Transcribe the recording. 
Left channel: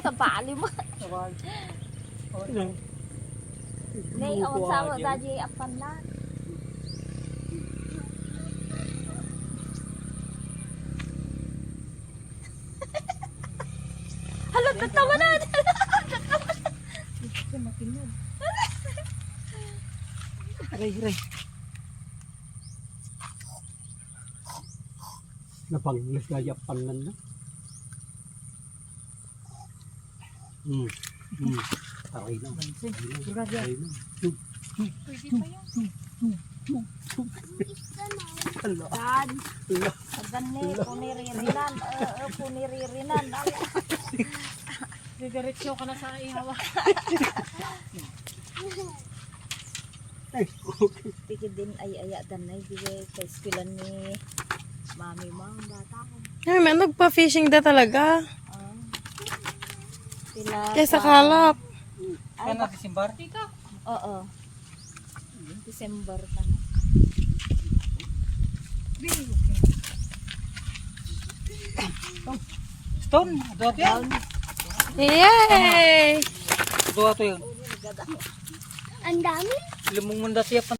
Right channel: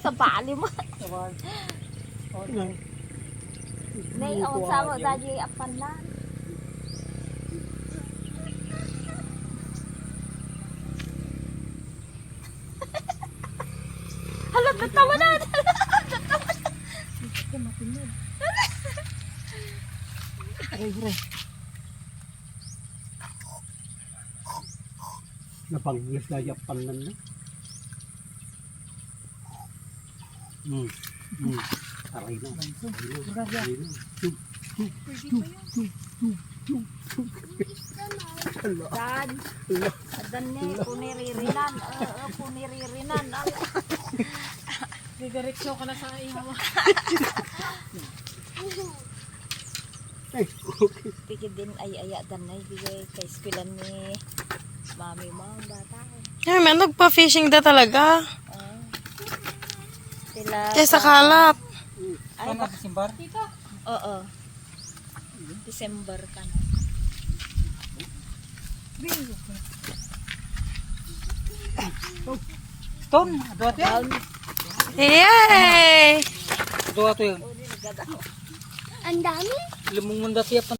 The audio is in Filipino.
Sa bali mo. Oh, Inang. Nay, ang sama agyan. daddy apan na. Hala, tatawa na. Ito mapinod. Aray, aray. Napanglas gaya panan na. Hmm. Hmm. Aray na. Aray na. Na. Pwede pa yan. Hala. Dan. Hala. Dan ni, puniririnan. Ay, ka na sa ihawa. Ay, okay. Pigi din ay aya dan ay kay eskwela ni mami mo ang bata. Ay, may nagpa-fishing da talaga. Oo. Sila. Kesa kalap. Ka na, Disimbar? Oo. December ka na. Ton, dua to yan. Yay! Dua to yun. Oh, nilagada. Ang dami. Munda siya pa.